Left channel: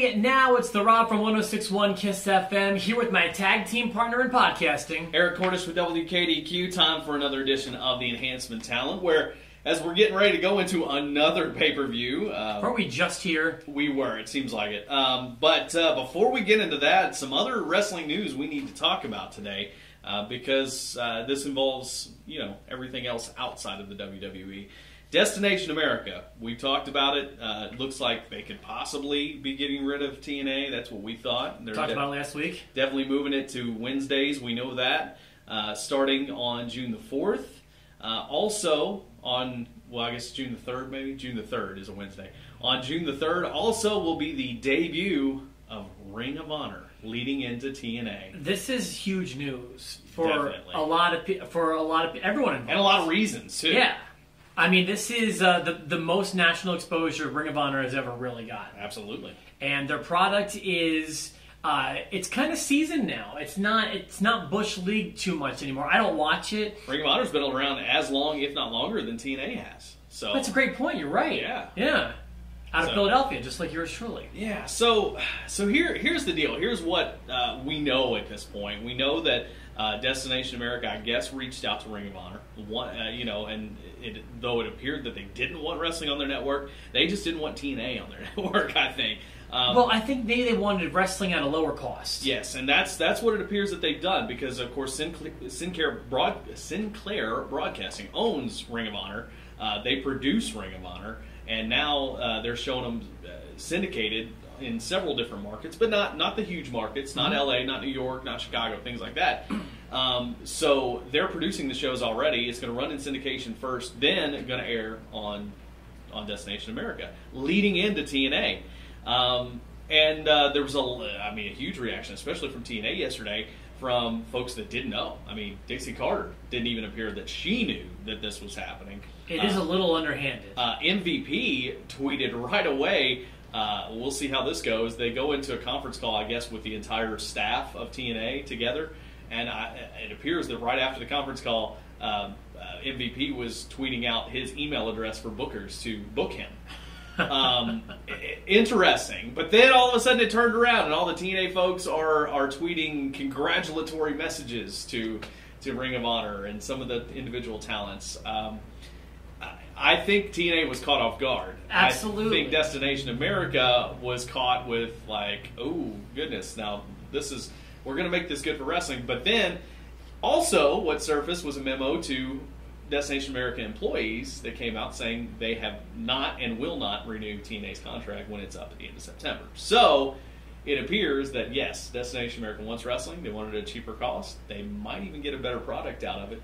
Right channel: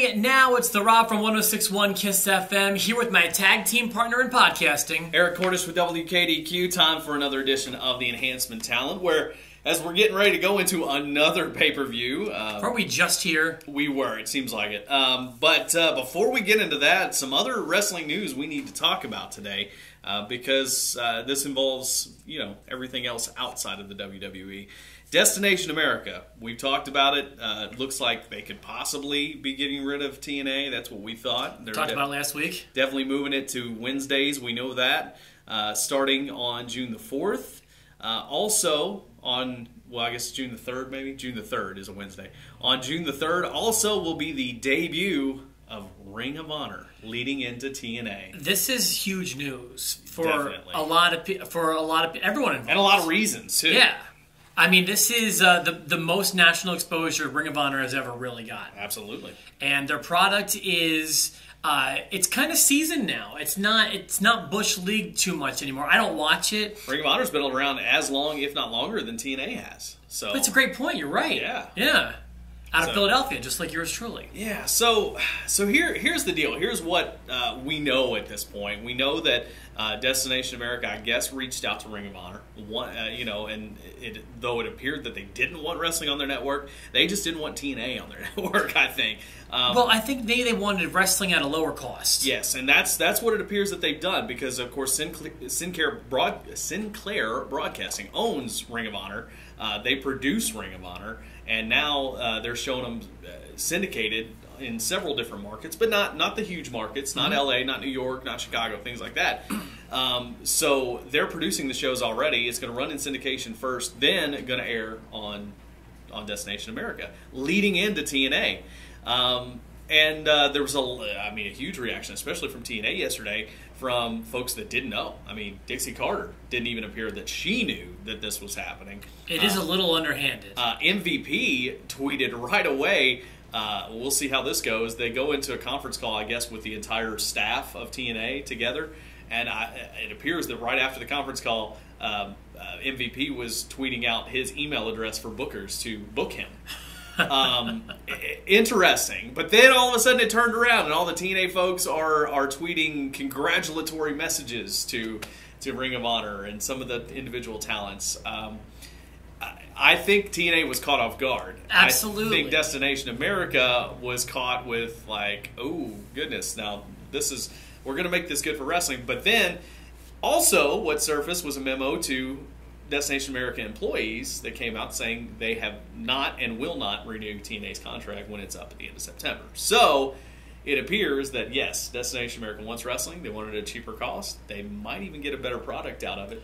Hey, now it's the Rob from 106.1 KISS FM here with my tag team partner in podcasting, Eric Cordish with WKDQ. Time for another edition of the Enhancement Talent, where as we're getting ready to go into another pay-per-view. Weren't we just here? We were, it seems like it. But before we get into that, some other wrestling news we need to talk about today, because this involves, everything else outside of the WWE. Destination America, we talked about it. Looks like they could possibly be getting rid of TNA. That's what we thought. They're Talked about it last week. Definitely moving it to Wednesdays. We know that. Starting on June the 4th. Also on, I guess June the 3rd maybe? June the 3rd is a Wednesday. On June the 3rd also will be the debut of Ring of Honor leading into TNA. This is huge news for Definitely. a lot of everyone involved. And a lot of reasons, too. Yeah. I mean, this is the most national exposure Ring of Honor has ever really got. Absolutely. And their product is, it's kind of seasoned now. It's not Bush League too much anymore. I don't watch it. Ring of Honor's been around as long, if not longer, than TNA has. So That's a great point. You're right. Yeah. Out of Philadelphia, just like yours truly. Yeah, so here's the deal. Here's what we know at this point. We know that Destination America, I guess, reached out to Ring of Honor. And though it appeared that they didn't want wrestling on their network, they just didn't want TNA on their network, I think. Well, I think they wanted wrestling at a lower cost. Yes, and that's what it appears that they've done, because, of course, Sinclair Broadcasting owns Ring of Honor. They produce Ring of Honor, and now they're showing them syndicated in several different markets, but not the huge markets, not LA, not New York, not Chicago, things like that. So they're producing the shows already. It's going to run in syndication first, then going to air on Destination America, leading into TNA. And there was a huge reaction, especially from TNA yesterday, from folks that didn't know. I mean, Dixie Carter didn't even appear that she knew that this was happening. It is a little underhanded. MVP tweeted right away, we'll see how this goes. They go into a conference call, I guess, with the entire staff of TNA together, and it appears that right after the conference call, MVP was tweeting out his email address for bookers to book him. Interesting. But then all of a sudden it turned around, and all the TNA folks are tweeting congratulatory messages to Ring of Honor and some of the individual talents. I think TNA was caught off guard. Absolutely. I think Destination America was caught with like, oh goodness, now we're going to make this good for wrestling. But then also what surfaced was a memo to Destination America employees that came out saying they have not and will not renew TNA's contract when it's up at the end of September. So it appears that, yes, Destination America wants wrestling. They wanted a cheaper cost. They might even get a better product out of it.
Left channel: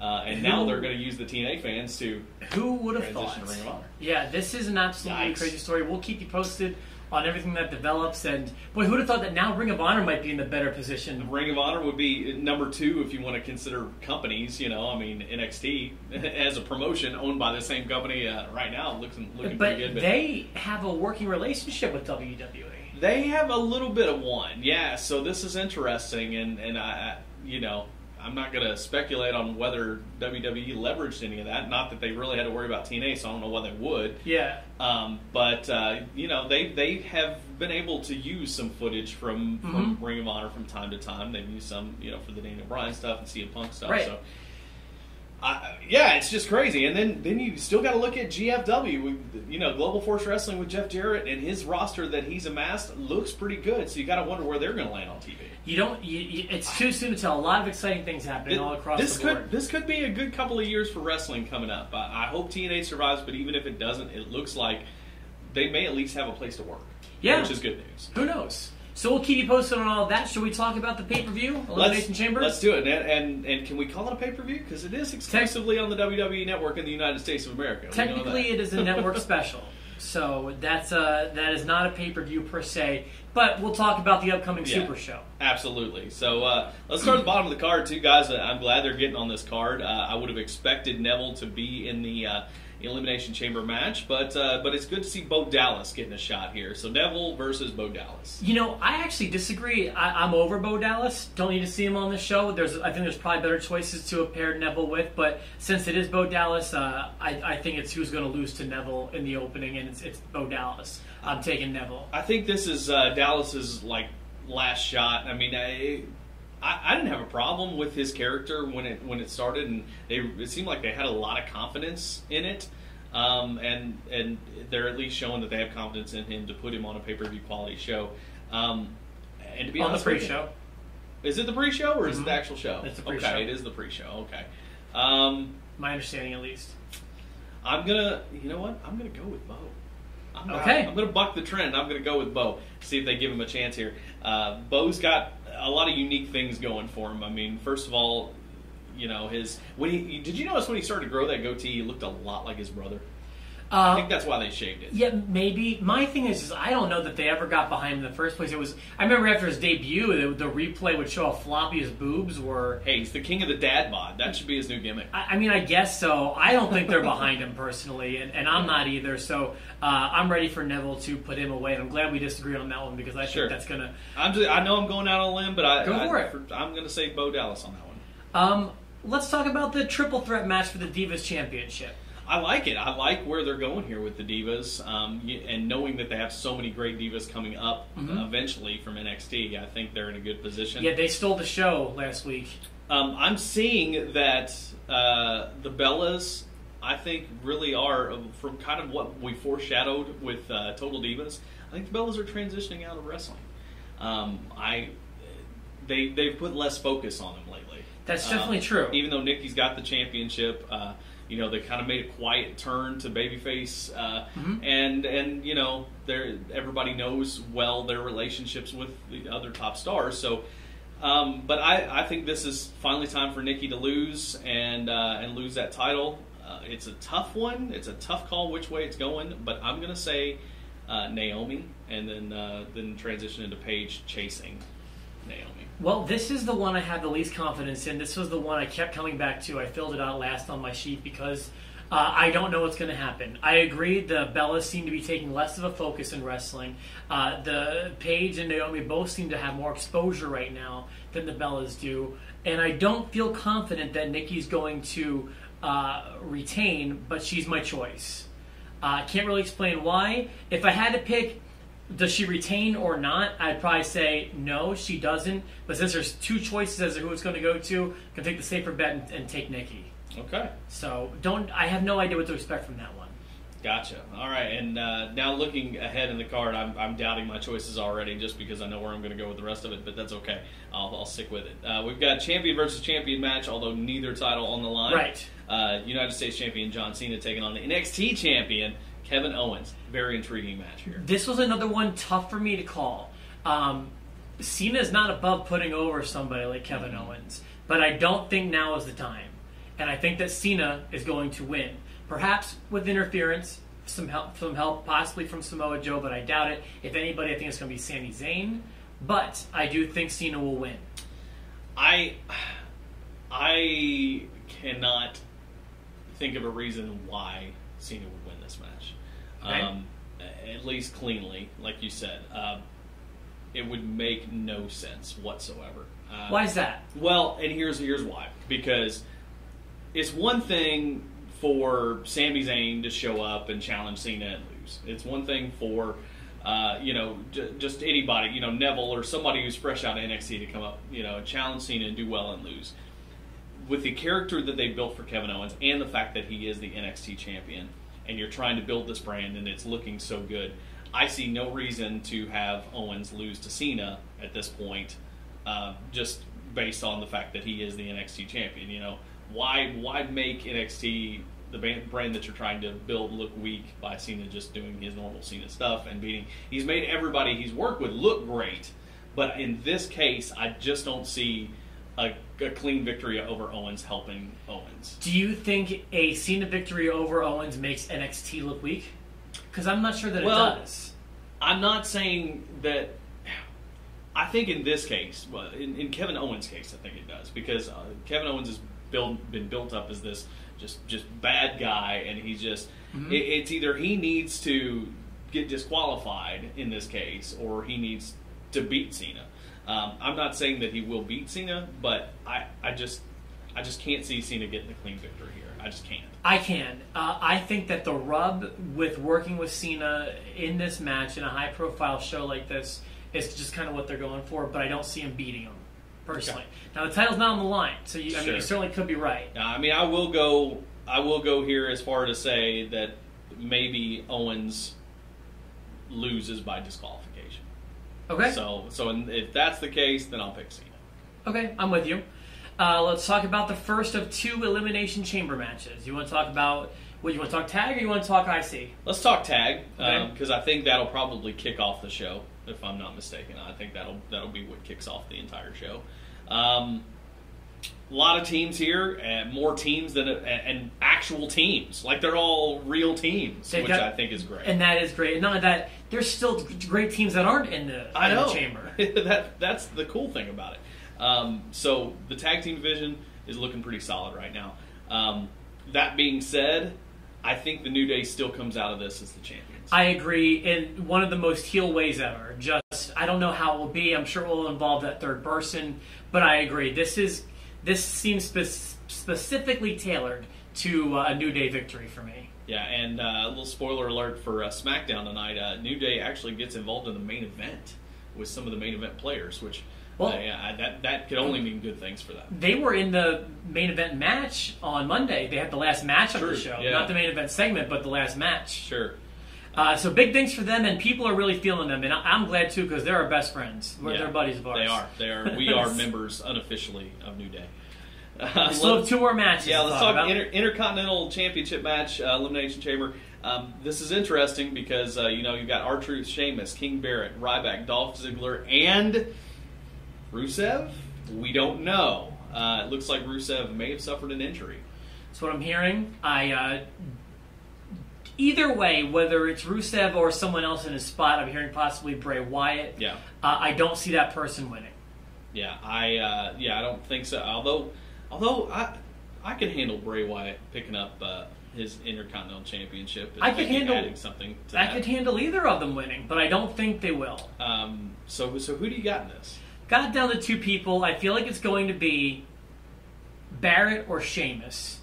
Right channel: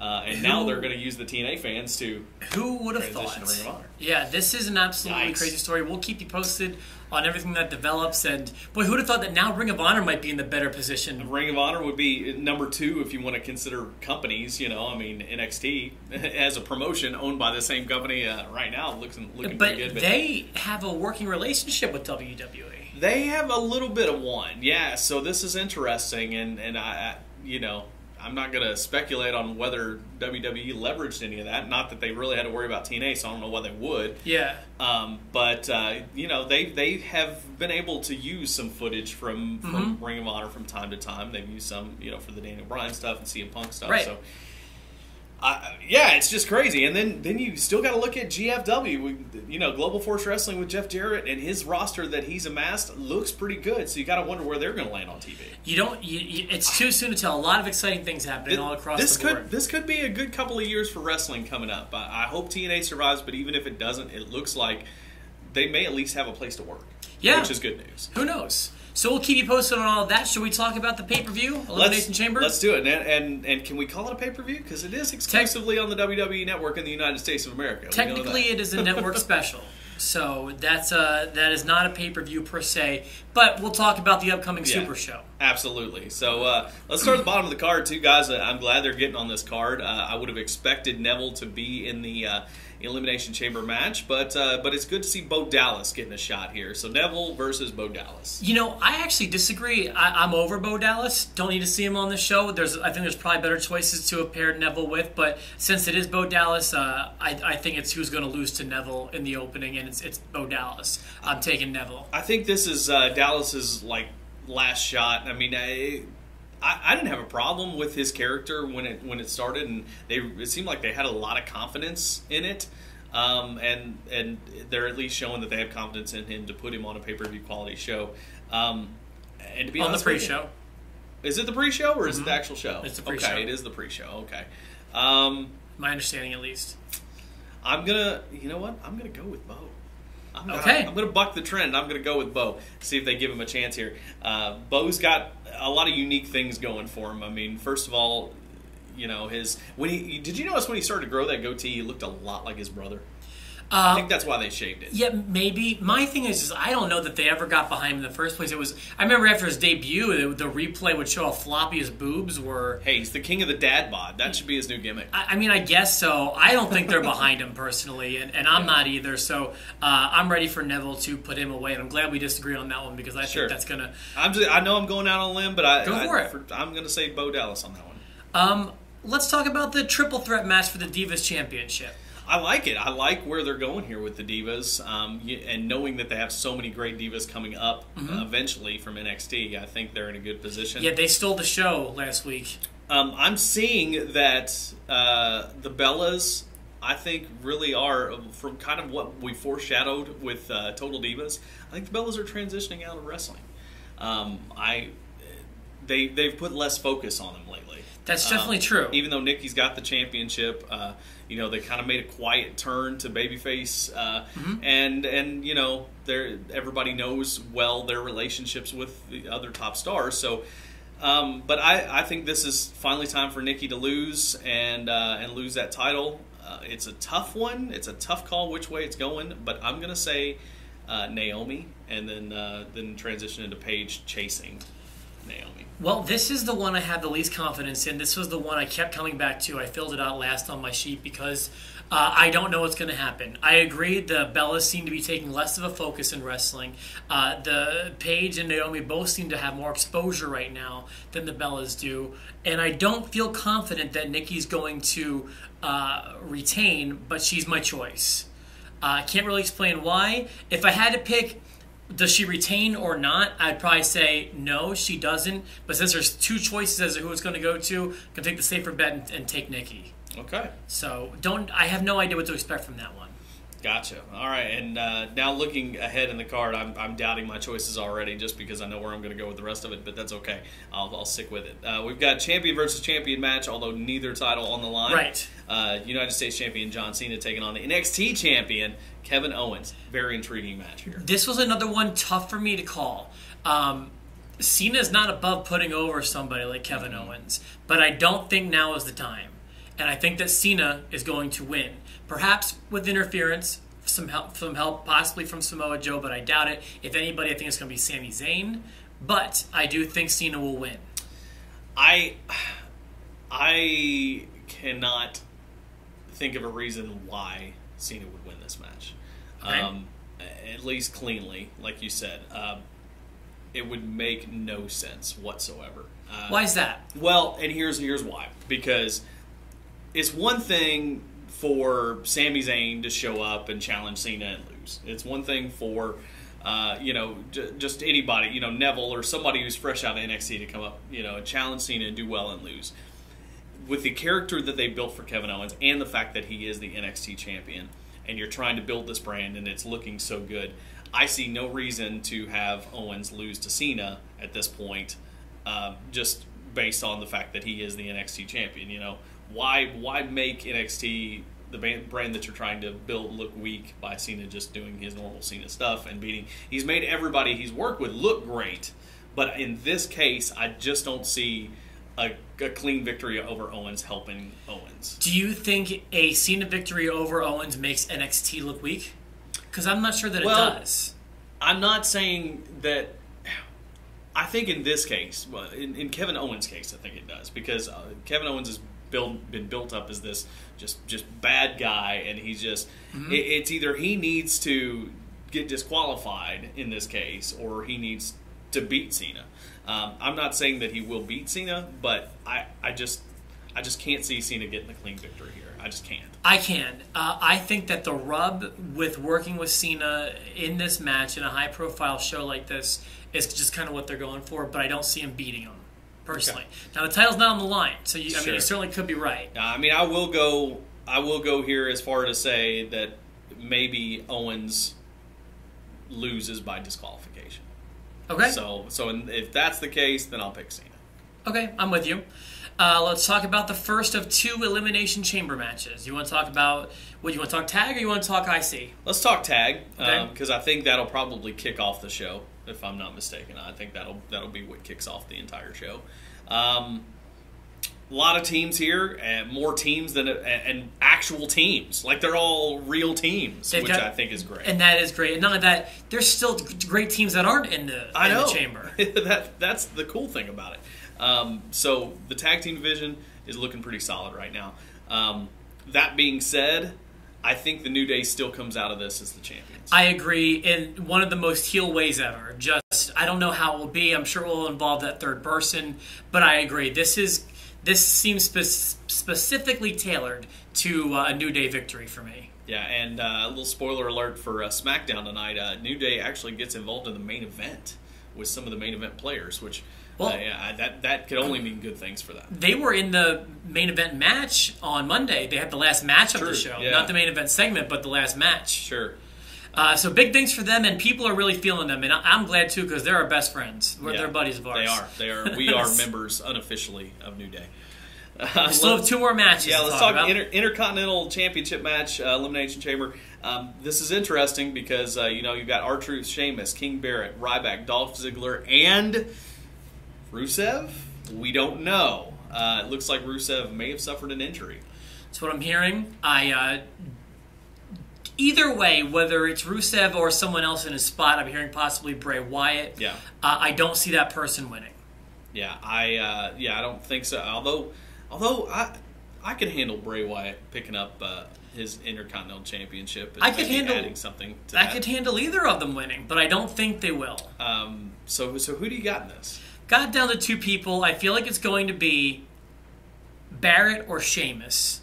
And now they're going to use the TNA fans to Who would have thought? to Ring of Honor. Yeah, this is an absolutely Yikes. crazy story. We'll keep you posted on everything that develops. And, boy, who would have thought that now Ring of Honor might be in the better position? Ring of Honor would be number 2 if you want to consider companies. NXT as a promotion owned by the same company right now looking But pretty good. they have a working relationship with WWE. They have a little bit of one, yeah. So this is interesting, and I'm not going to speculate on whether WWE leveraged any of that. Not that they really had to worry about TNA, so I don't know what they would. Yeah. But they have been able to use some footage from Ring of Honor from time to time. They've used some, for the Daniel Bryan stuff and CM Punk stuff. Right. So, it's just crazy. And then you still got to look at GFW. Global Force Wrestling with Jeff Jarrett and his roster that he's amassed looks pretty good. So you got to wonder where they're going to land on TV. It's too soon to tell. A lot of exciting things happening all across the board. This could be a good couple of years for wrestling coming up. I hope TNA survives, but even if it doesn't, it looks like they may at least have a place to work. Yeah. Which is good news. Who knows? So we'll keep you posted on all of that. Should we talk about the pay-per-view, Elimination Chamber? Let's do it. And can we call it a pay-per-view? Because it is exclusively on the WWE Network in the United States of America. Technically, it is a network special. So that is not a pay-per-view per se. But we'll talk about the upcoming Super Show. Absolutely. So let's start at the bottom of the card, too, guys. I'm glad they're getting on this card. I would have expected Neville to be in the Elimination Chamber match, but it's good to see Bo Dallas getting a shot here. So Neville versus Bo Dallas. You know, I actually disagree. I'm over Bo Dallas. Don't need to see him on the show. I think there's probably better choices to have paired Neville with, but since it is Bo Dallas, I think it's who's going to lose to Neville in the opening, and it's Bo Dallas. I'm taking Neville. I think this is Dallas's last shot. I mean, I didn't have a problem with his character when it started, and it seemed like they had a lot of confidence in it, and they're at least showing that they have confidence in him to put him on a pay-per-view quality show. And to be on honest the pre-show. Is it the pre-show or is it the actual show? It's the pre-show. Okay, it is the pre-show. Okay. My understanding, at least. You know what? I'm gonna go with Bo. I'm going to buck the trend. I'm going to go with Bo. See if they give him a chance here. Bo's got a lot of unique things going for him. I mean, first of all, you know, did you notice when he started to grow that goatee, he looked a lot like his brother? I think that's why they shaved it. Yeah, maybe. My thing is I don't know that they ever got behind him in the first place. I remember after his debut, the replay would show how floppy his boobs were. Hey, he's the king of the dad bod. That should be his new gimmick. I mean, I guess so. I don't think they're behind him personally, and I'm not either. So I'm ready for Neville to put him away, and I'm glad we disagree on that one because I think that's gonna. I know I'm going out on a limb, but go for it. I'm going to say Bo Dallas on that one. Let's talk about the triple threat match for the Divas Championship. I like it. I like where they're going here with the Divas, and knowing that they have so many great Divas coming up eventually from NXT, I think they're in a good position. Yeah, they stole the show last week. I'm seeing that the Bellas, I think, really are, from kind of what we foreshadowed with Total Divas, I think the Bellas are transitioning out of wrestling. They've put less focus on them lately. That's definitely true. Even though Nikki's got the championship, you know, they kind of made a quiet turn to babyface, and you know, everybody knows well their relationships with the other top stars. So, but I think this is finally time for Nikki to lose and lose that title. It's a tough one. It's a tough call which way it's going, but I'm gonna say Naomi, and then transition into Paige chasing Naomi. Well, this is the one I had the least confidence in. This was the one I kept coming back to. I filled it out last on my sheet because I don't know what's going to happen. I agree the Bellas seem to be taking less of a focus in wrestling. The Paige and Naomi both seem to have more exposure right now than the Bellas do. And I don't feel confident that Nikki's going to retain, but she's my choice. I can't really explain why. If I had to pick, does she retain or not? I'd probably say no, she doesn't. But since there's two choices as to who it's going to go to, I'm going to take the safer bet and take Nikki. Okay. So I have no idea what to expect from that one. Gotcha. All right, and now looking ahead in the card, I'm doubting my choices already just because I know where I'm going to go with the rest of it, but that's okay. I'll stick with it. We've got champion versus champion match, although neither title on the line. Right. United States champion John Cena taking on the NXT champion Kevin Owens. Very intriguing match here. This was another one tough for me to call. Cena's not above putting over somebody like Kevin Owens, but I don't think now is the time. And I think that Cena is going to win. Perhaps with interference, some help possibly from Samoa Joe, but I doubt it. If anybody, I think it's going to be Sami Zayn. But I do think Cena will win. I cannot think of a reason why Cena would win this match. Okay. At least cleanly, like you said. It would make no sense whatsoever. Why is that? Well, and here's why. Because it's one thing for Sami Zayn to show up and challenge Cena and lose. It's one thing for just anybody, Neville or somebody who's fresh out of NXT to come up, challenge Cena and do well and lose. With the character that they built for Kevin Owens and the fact that he is the NXT champion, and you're trying to build this brand and it's looking so good, I see no reason to have Owens lose to Cena at this point, just based on the fact that he is the NXT champion. Why make NXT, the brand that you're trying to build, look weak by Cena just doing his normal Cena stuff and beating? He's made everybody he's worked with look great, but in this case, I just don't see a clean victory over Owens helping Owens. Do you think a Cena victory over Owens makes NXT look weak? Because I'm not sure that it does. I'm not saying that. I think in this case, in Kevin Owens' case, I think it does, because Kevin Owens has been built up as this just bad guy, and he's just it's either he needs to get disqualified in this case, or he needs to beat Cena. I'm not saying that he will beat Cena, but I just can't see Cena getting a clean victory here. I just can't. I can. I think that the rub with working with Cena in this match in a high-profile show like this is just kind of what they're going for, but I don't see him beating him, personally. Okay. Now, the title's not on the line, so I mean, you certainly could be right. I mean, I will go here as far to say that maybe Owens loses by disqualification. Okay. So if that's the case, then I'll pick Cena. Okay, I'm with you. Let's talk about the first of 2 Elimination Chamber matches. You want to talk about, what, you want to talk tag or you want to talk IC? Let's talk tag, okay. Because I think that'll probably kick off the show, if I'm not mistaken. I think that'll be what kicks off the entire show. A lot of teams here, and more teams than and actual teams. Like, they're all real teams, which I think is great. And that is great. And not only that, there's still great teams that aren't in the chamber. That's the cool thing about it. So the tag team division is looking pretty solid right now. That being said, I think the New Day still comes out of this as the champions. I agree in one of the most heel ways ever. Just, I don't know how it will be. I'm sure it will involve that third person, but I agree. This seems specifically tailored to a New Day victory for me. Yeah, and a little spoiler alert for SmackDown tonight. New Day actually gets involved in the main event with some of the main event players, which... Well, that could only mean good things for them. They were in the main event match on Monday. They had the last match of the show. Yeah. Not the main event segment, but the last match. Sure. So big things for them, and people are really feeling them. And I'm glad, too, because they're our best friends. They're buddies of ours. They are. We are members unofficially of New Day. We still have 2 more matches let's talk about. about. Intercontinental Championship match, Elimination Chamber. This is interesting because, you've got R-Truth, Sheamus, King Barrett, Ryback, Dolph Ziggler, and... Rusev? We don't know. It looks like Rusev may have suffered an injury. That's what I'm hearing. Either way, whether it's Rusev or someone else in his spot, I'm hearing possibly Bray Wyatt. Yeah. I don't see that person winning. Yeah, I don't think so. Although I could handle Bray Wyatt picking up his Intercontinental Championship. And I could handle adding something to I that. could handle either of them winning, but I don't think they will. So who do you got in this? Got down to 2 people. I feel like it's going to be Barrett or Sheamus,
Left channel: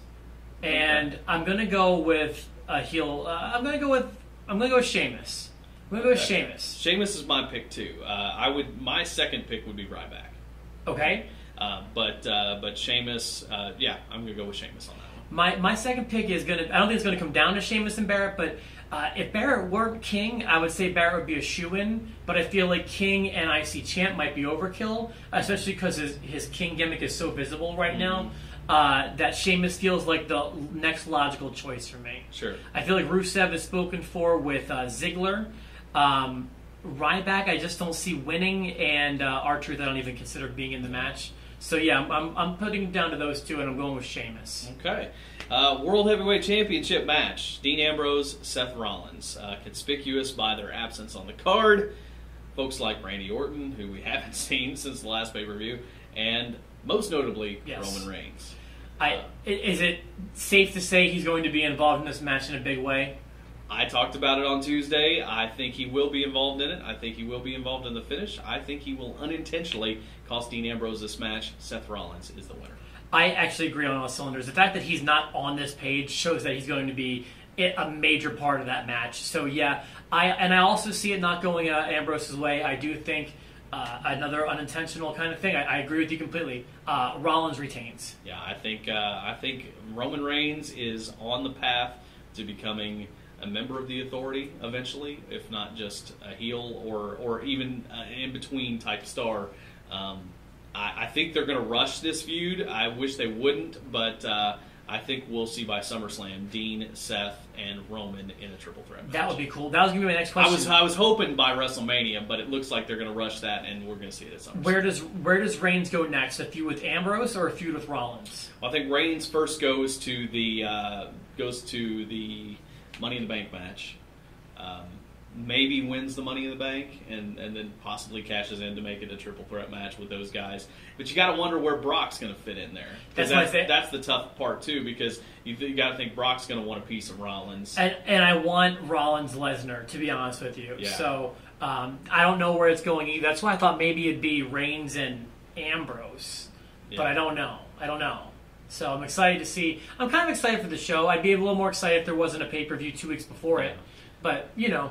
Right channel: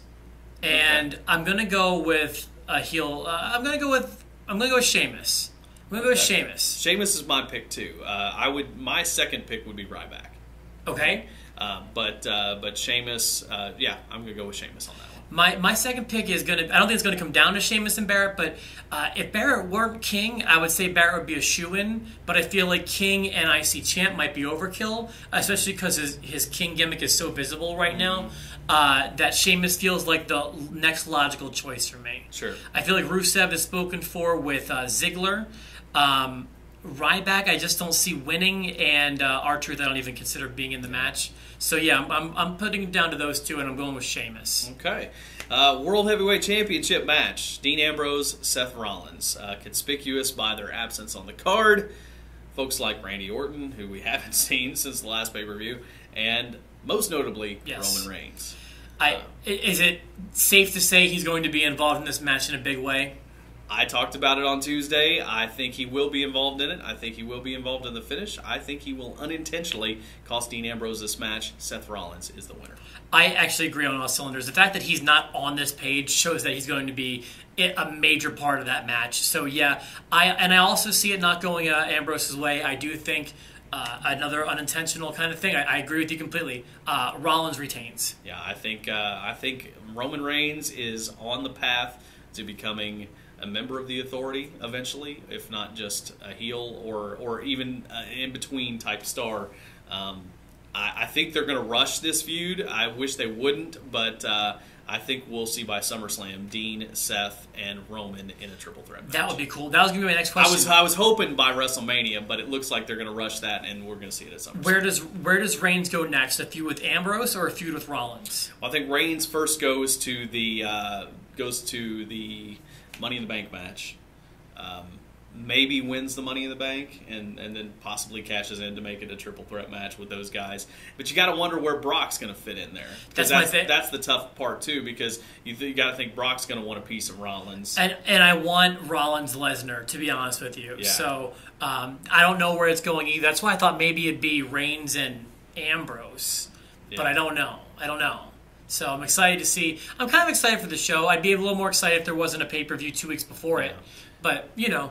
and I'm going to go with a heel. I'm going to go with Sheamus. I'm going to go with Sheamus. Sheamus is my pick too. My second pick would be Ryback. Okay. But Sheamus. I'm going to go with Sheamus on that one. My second pick is going to... I don't think it's going to come down to Sheamus and Barrett, but if Barrett weren't King, I would say Barrett would be a shoo-in, but I feel like King and IC Champ might be overkill, especially because his King gimmick is so visible right now, that Sheamus feels like the next logical choice for me. Sure. I feel like Rusev is spoken for with Ziggler. Ryback, I just don't see winning, and R-Truth, I don't even consider being in the match. So yeah, I'm putting it down to those 2, and I'm going with Sheamus. Okay. World Heavyweight Championship match. Dean Ambrose, Seth Rollins. Conspicuous by their absence on the card. Folks like Randy Orton, who we haven't seen since the last pay-per-view, and most notably, Roman Reigns. Is it safe to say he's going to be involved in this match in a big way? I talked about it on Tuesday. I think he will be involved in it. I think he will be involved in the finish. I think he will unintentionally cost Dean Ambrose this match. Seth Rollins is the winner. I actually agree on all cylinders. The fact that he's not on this page shows that he's going to be a major part of that match. So yeah, I also see it not going Ambrose's way. I do think another unintentional kind of thing. I agree with you completely. Rollins retains. Yeah, I think Roman Reigns is on the path to becoming a member of the Authority eventually, if not just a heel or even in between type star. I think they're going to rush this feud. I wish they wouldn't, but I think we'll see by SummerSlam Dean, Seth, and Roman in a triple threat match. That would be cool. That was going to be my next question. I was hoping by WrestleMania, but it looks like they're going to rush that, and we're going to see it at SummerSlam. Where does Reigns go next? A feud with Ambrose or a feud with Rollins? Well, I think Reigns first goes to the Money in the Bank match. maybe wins the Money in the Bank, and then possibly cashes in to make it a triple threat match with those guys. But you got to wonder where Brock's going to fit in there. That's the tough part too, because you got to think Brock's going to want a piece of Rollins. And I want Rollins Lesnar, to be honest with you. Yeah. So I don't know where it's going either. That's why I thought maybe it'd be Reigns and Ambrose, but I don't know. So I'm excited to see. I'm kind of excited for the show. I'd be a little more excited if there wasn't a pay-per-view 2 weeks before it. But, Yeah,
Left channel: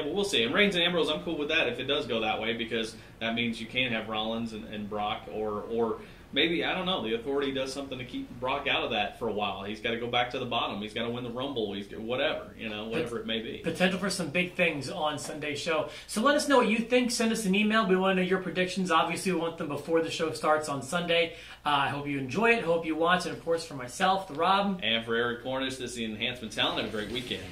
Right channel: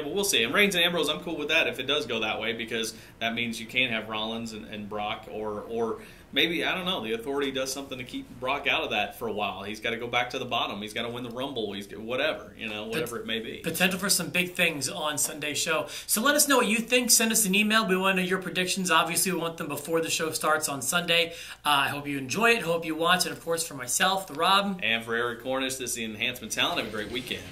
well, we'll see. And Reigns and Ambrose, I'm cool with that if it does go that way, because that means you can have Rollins and Brock, or maybe, I don't know, the Authority does something to keep Brock out of that for a while. He's got to go back to the bottom. He's got to win the Rumble. Whatever it may be. Potential for some big things on Sunday's show. So let us know what you think. Send us an email. We want to know your predictions. Obviously, we want them before the show starts on Sunday. I hope you enjoy it. Hope you watch. And, of course, for myself, the Rob. And for Eric Cornish, this is the Enhancement Talent. Have a great weekend.